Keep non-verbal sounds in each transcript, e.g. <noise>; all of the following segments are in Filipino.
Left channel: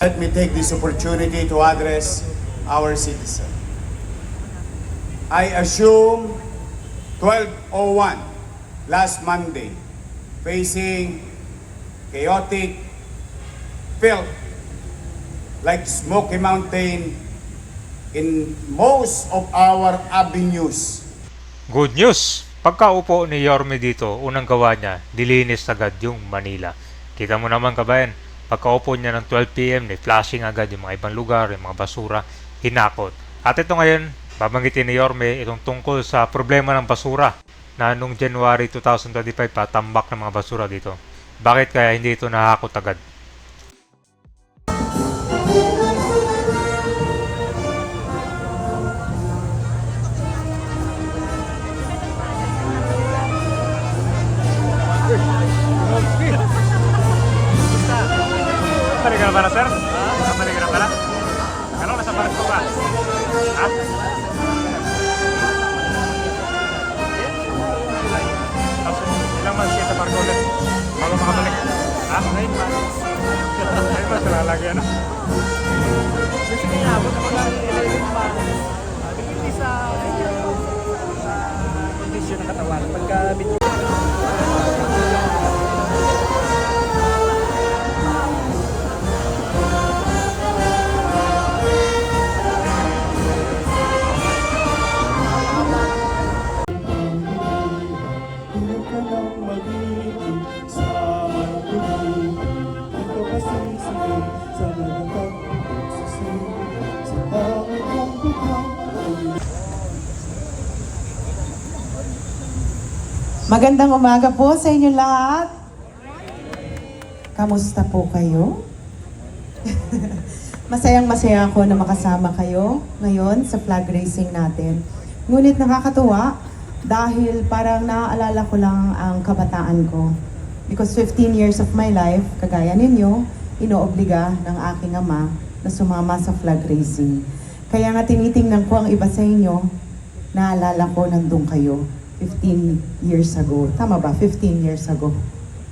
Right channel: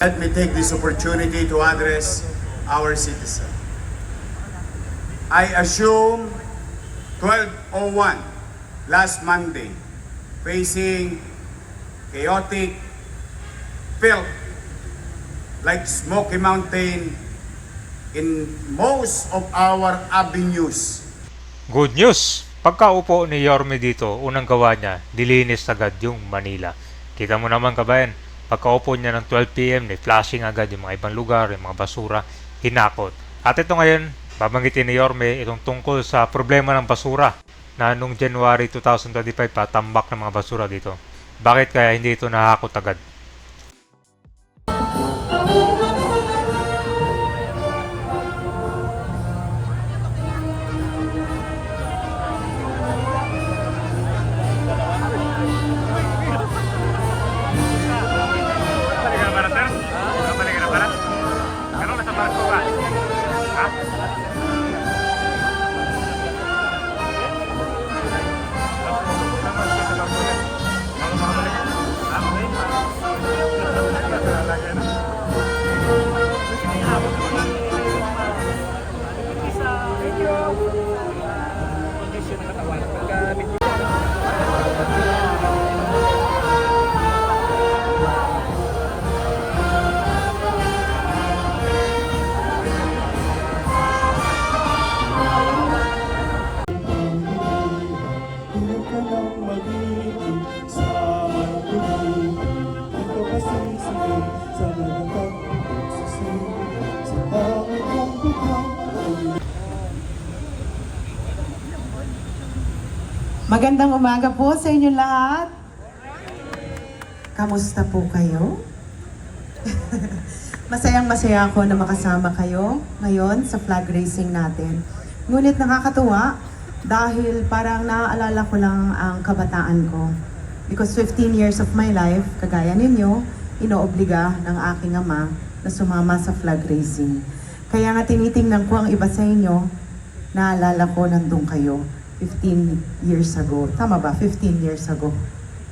Let me take this opportunity to address our citizen. I assume 1201 last Monday facing chaotic felt like Smoky Mountain in most of our avenues. Good news! Pagkaupo ni Yorme dito, unang gawa niya, dilinis agad yung Manila. Kita mo naman kabayan, pagkaupo niya ng 12pm, ni flashing agad yung mga ibang lugar, yung mga basura, hinakot. At ito ngayon, babanggitin ni Yorme itong tungkol sa problema ng basura na nung January 2025 patambak ng mga basura dito. Bakit kaya hindi ito nahakot agad? Magandang umaga po sa inyo lahat. Kamusta po kayo? <laughs> Masayang masaya ako na makasama kayo ngayon sa flag racing natin. Ngunit nakakatuwa dahil parang naaalala ko lang ang kabataan ko. Because 15 years of my life, kagaya ninyo, inoobliga ng aking ama na sumama sa flag racing. Kaya nga tinitingnan ko ang iba sa inyo, naalala ko nandun kayo 15 years ago. Tama ba? 15 years ago.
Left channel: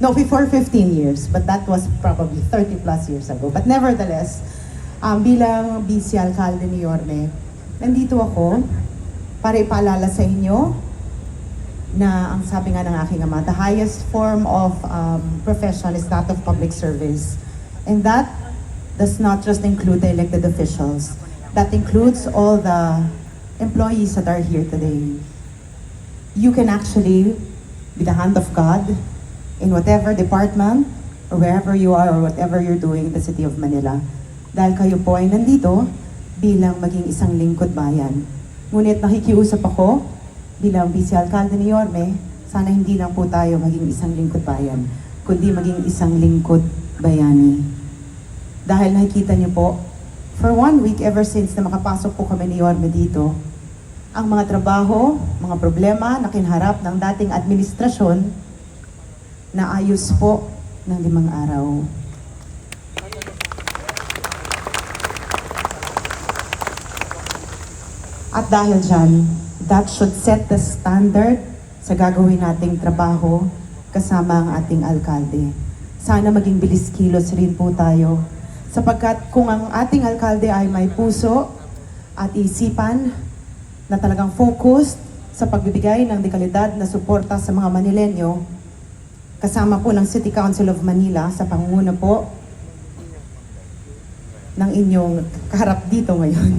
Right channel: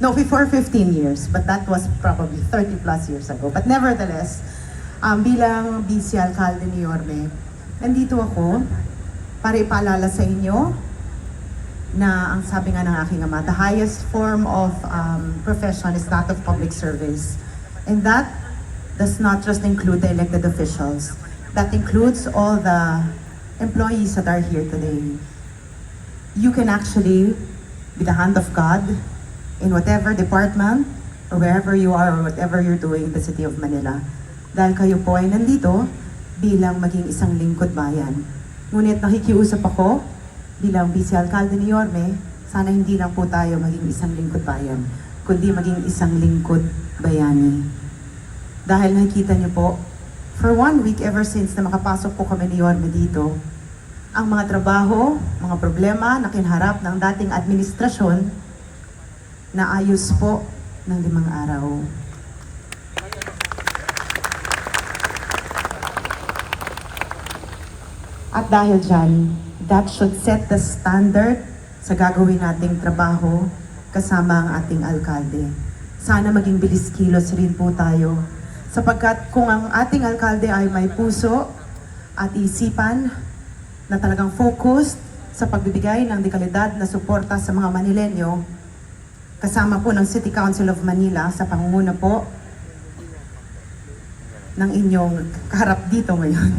No, before 15 years, but that was probably 30 plus years ago. But nevertheless, um, bilang vice alcalde ni Yorme, nandito ako para ipaalala sa inyo na ang sabi nga ng aking ama, the highest form of um, profession is that of public service. And that does not just include the elected officials. That includes all the employees that are here today. You can actually be the hand of God in whatever department or wherever you are or whatever you're doing in the city of Manila. Dahil kayo po ay nandito bilang maging isang lingkod bayan. Ngunit nakikiusap ako bilang vice alcalde ni Yorme, sana hindi lang po tayo maging isang lingkod bayan, kundi maging isang lingkod bayani. Dahil nakikita niyo po, for one week ever since na makapasok po kami ni Yorme dito, ang mga trabaho, mga problema na kinharap ng dating administrasyon na ayos po ng limang araw. At dahil dyan, that should set the standard sa gagawin nating trabaho kasama ang ating alkalde. Sana maging bilis kilos rin po tayo. Sapagkat kung ang ating alkalde ay may puso at isipan na talagang focused sa pagbibigay ng dekalidad na suporta sa mga Manilenyo, kasama po ng City Council of Manila sa pangunguna po ng inyong kaharap dito ngayon.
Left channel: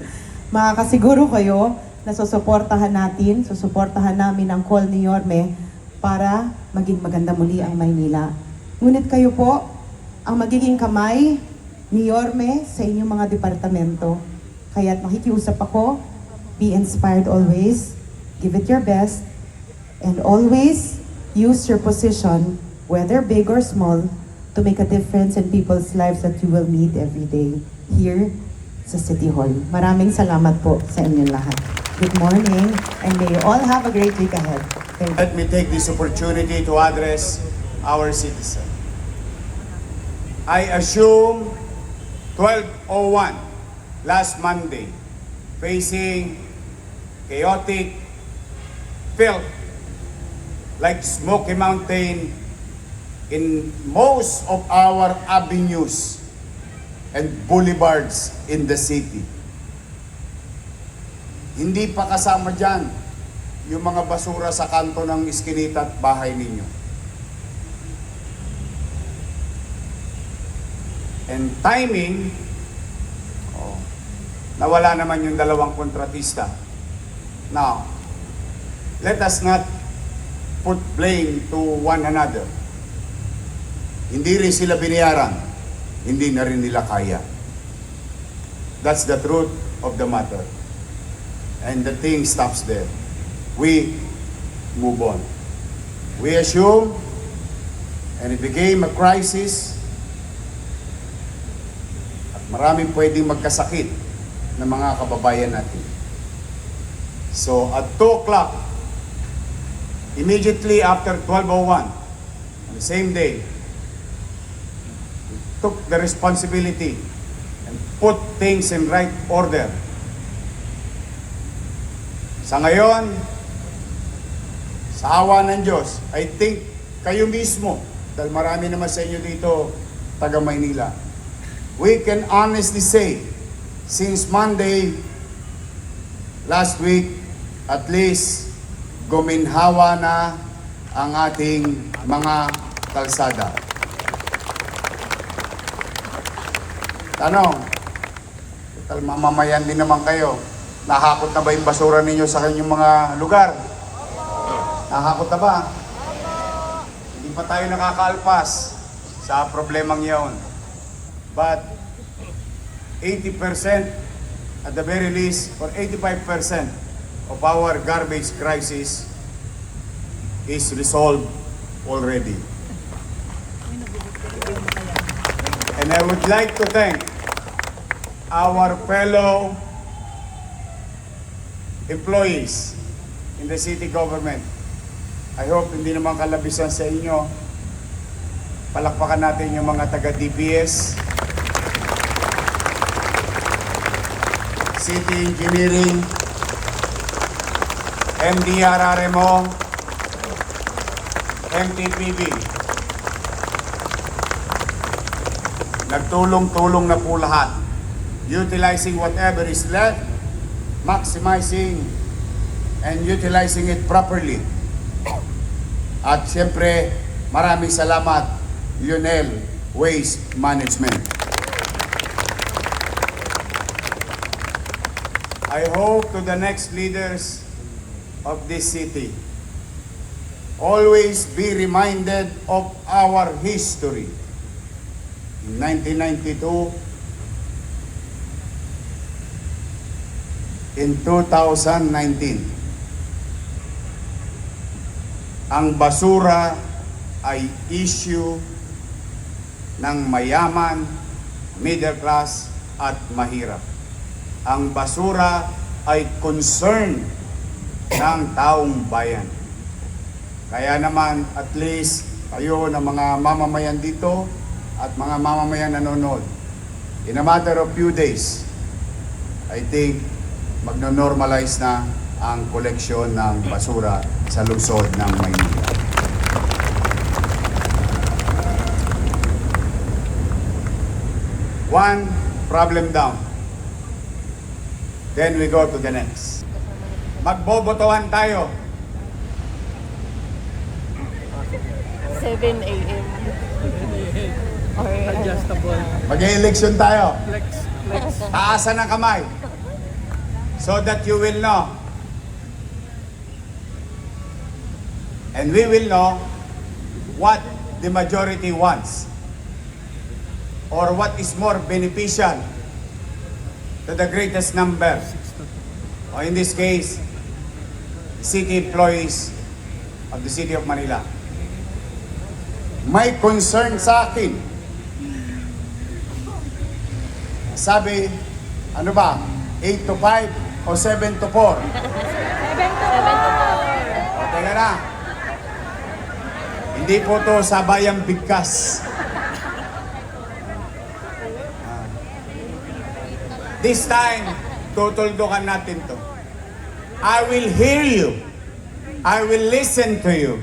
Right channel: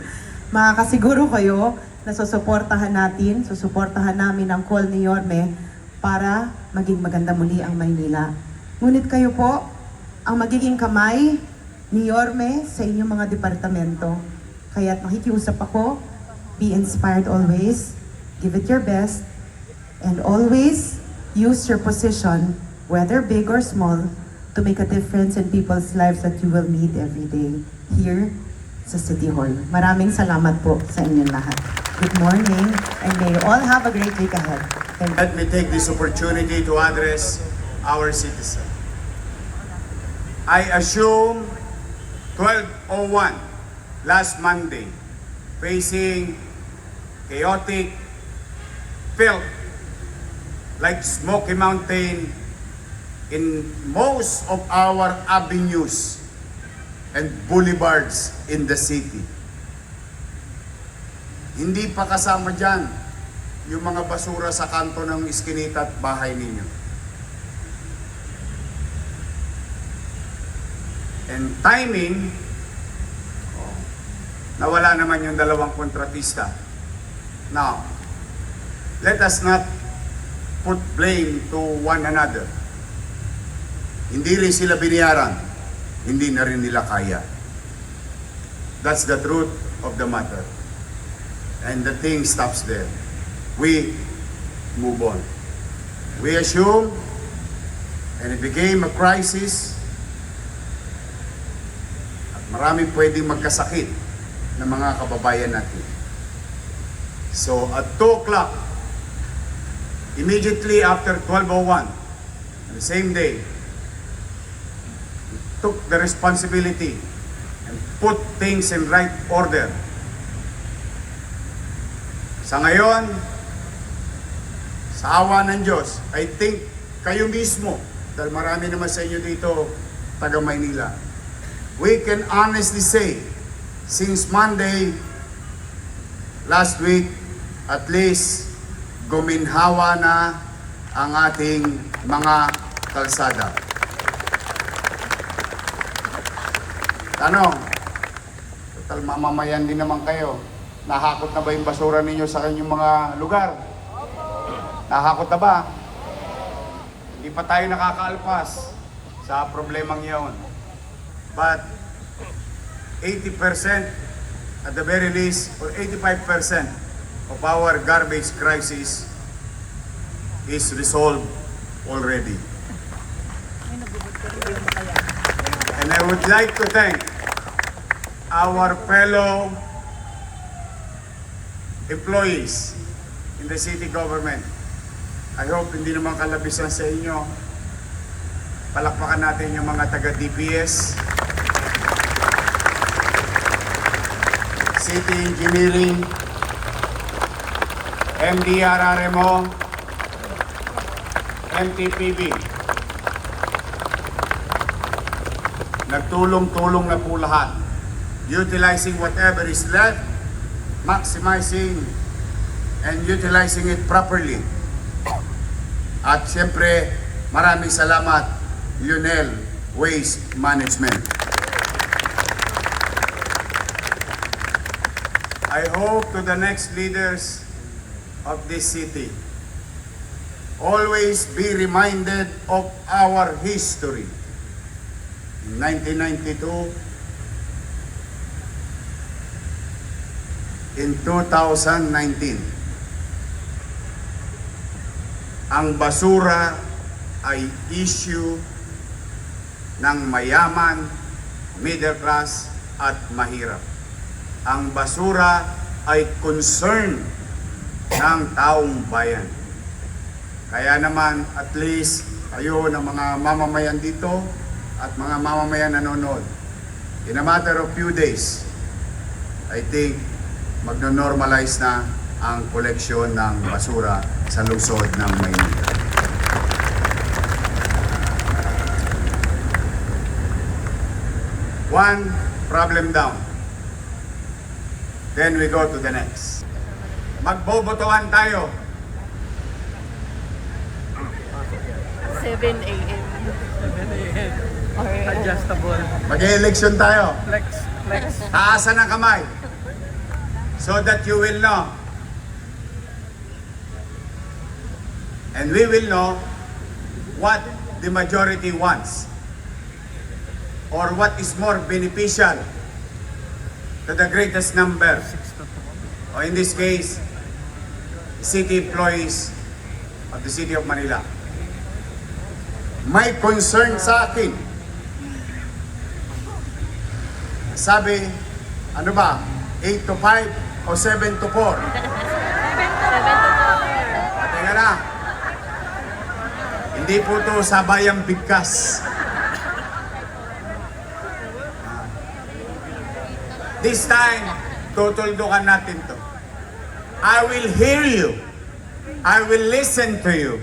<laughs> Makakasiguro kayo na susuportahan natin, susuportahan namin ang call ni Yorme para maging maganda muli ang Maynila. Ngunit kayo po, ang magiging kamay ni Yorme sa inyong mga departamento. Kaya't makikiusap ako, be inspired always, give it your best, and always use your position, whether big or small, to make a difference in people's lives that you will meet every day here sa City Hall. Maraming salamat po sa inyong lahat. Good morning, and may you all have a great week ahead. Thank you. Let me take this opportunity to address our citizen. I assume 1201 last Monday facing chaotic felt like Smoky Mountain in most of our avenues. and boulevards in the city. Hindi pa kasama dyan yung mga basura sa kanto ng iskinita at bahay ninyo. And timing, oh, nawala naman yung dalawang kontratista. Now, let us not put blame to one another. Hindi rin sila biniyaran. Hindi na rin nila kaya. That's the truth of the matter. And the thing stops there. We move on. We assume, and it became a crisis, at maraming pwedeng magkasakit ng mga kababayan natin. So at 2 o'clock, immediately after 12.01, on the same day, took the responsibility and put things in right order. Sa ngayon, sa awa ng Diyos, I think kayo mismo, dahil marami naman sa inyo dito, taga Maynila, we can honestly say, since Monday, last week, at least, guminhawa na ang ating mga kalsada. Tanong, total mamamayan din naman kayo. Nahakot na ba yung basura ninyo sa kanyang mga lugar? Nahakot na ba? Hindi pa tayo nakakaalpas sa problemang yaon. But 80% at the very least, or 85% of our garbage crisis is resolved already. And I would like to thank our fellow employees in the city government. I hope hindi naman kalabisan sa inyo. Palakpakan natin yung mga taga-DPS, City Engineering, MDRRMO, MTPB. Nagtulong-tulong na po lahat. Utilizing whatever is left, maximizing and utilizing it properly. At siyempre, maraming salamat, Lionel Waste Management. I hope to the next leaders of this city, always be reminded of our history. In 1992, in 2019, ang basura ay issue ng mayaman, middle class at mahirap. Ang basura ay concern ng taong bayan. Kaya naman at least kayo na mga mamamayan dito at mga mamamayan nanonood, in a matter of few days, I think magno-normalize na ang koleksyon ng basura sa lungsod ng Maynila. One problem down. Then we go to the next. Magbobotohan tayo. 7 a.m. Or Adjustable. Mag-election tayo. Flex. Flex. Taasan ang kamay. So that you will know. And we will know what the majority wants. Or what is more beneficial to the greatest number. Or in this case, city employees of the City of Manila. May concern sa akin Sabi, ano ba? 8 to 5 o 7 to 4? 7 to 4. Teka na. Hindi po to sabayang bigkas. This time, tutuldukan natin to. I will hear you. I will listen to you.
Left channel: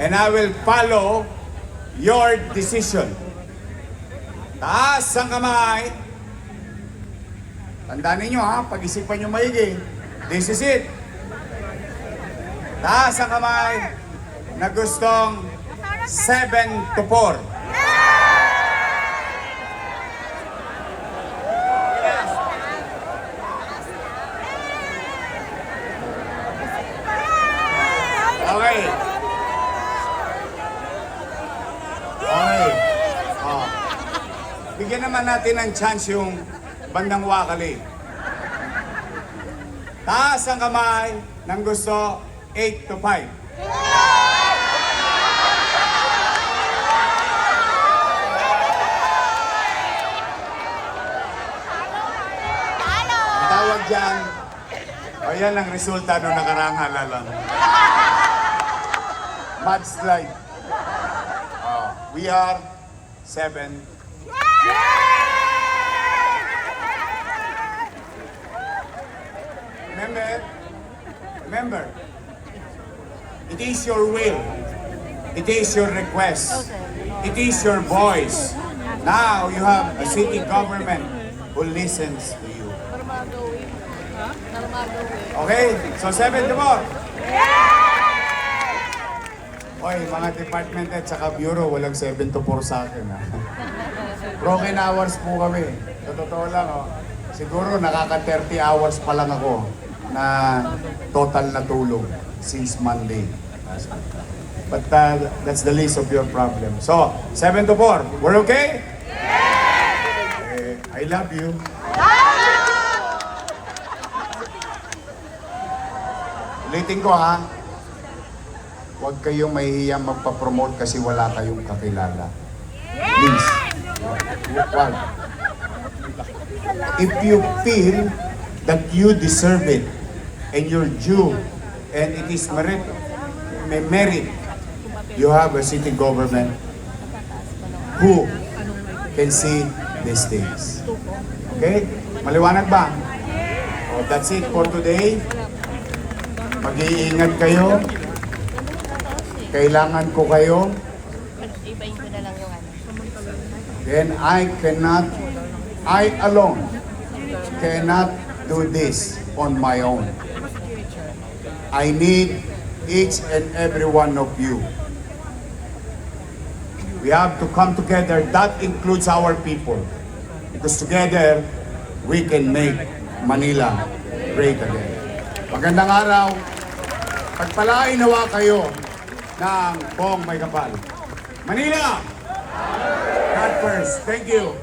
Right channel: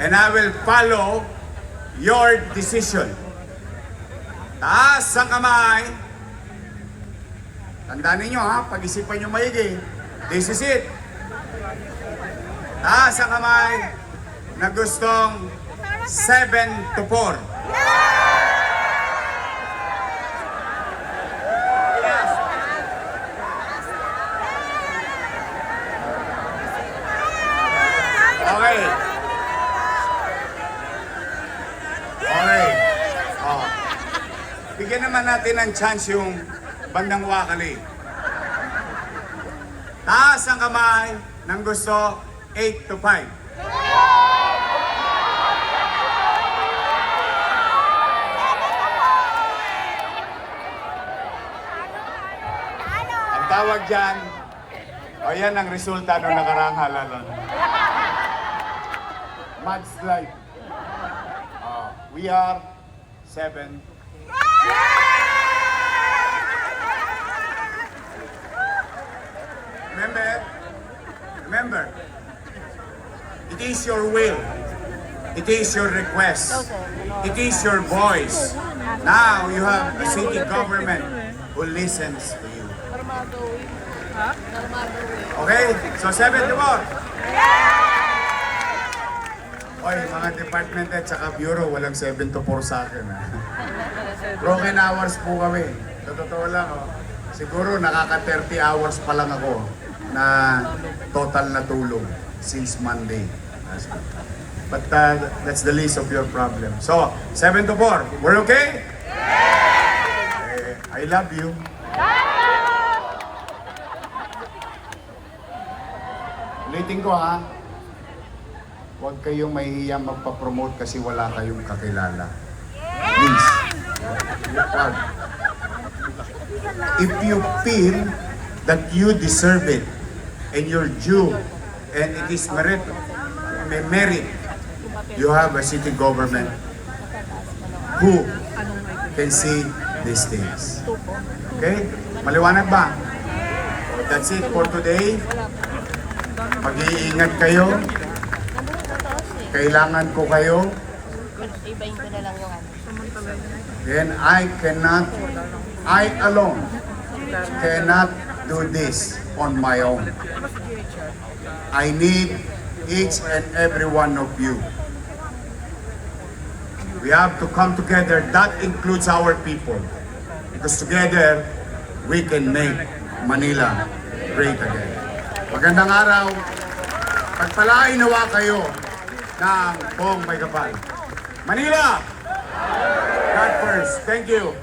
And I will follow your decision. Taas ang kamay. Tandaan ninyo ha, pag-isipan nyo maigi. This is it. Taas ang kamay na gustong 7 to 4. Okay. Okay. Oh. Bigyan naman natin ng chance yung bandang wakali. Taas ang kamay ng gusto 8 to 5. Ang tawag dyan, ayan ang resulta ng nakaraang halalan. Mudslide. Uh, we are seven. Remember, remember, it is your will. It is your request. It is your voice. Now you have a city government who listens to you. Okay? So, seven to four. Oy, mga department at saka bureau, walang 7 to 4 sa akin. Ha? <laughs> Broken hours po kami. Sa totoo lang, oh. siguro nakaka 30 hours pa lang ako na total na tulog since Monday. But uh, that's the least of your problem. So, 7 to 4. We're okay? Eh, I love you. Ulitin ko ha. Huwag kayong mahihiyang magpa-promote kasi wala kayong kakilala. Please. If you feel that you deserve it and you're due and it is merit, may merit, you have a city government who can see these things. Okay? Maliwanag ba? Oh, that's it for today. Mag-iingat kayo. Kailangan po kayo. Ibayin ko na lang yung ano. Then I cannot, I alone cannot do this on my own. I need each and every one of you. We have to come together. That includes our people. Because together, we can make Manila great again. Magandang araw. Pagpalain nawa kayo ng buong may kapal. Manila! God first. Thank you.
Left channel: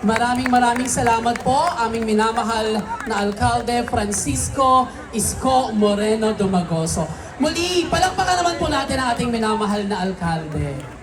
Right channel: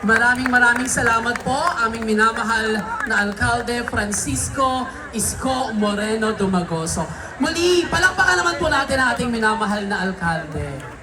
Maraming maraming salamat po aming minamahal na Alkalde Francisco Isko Moreno Dumagoso. Muli, palakpakan naman po natin ating minamahal na Alkalde.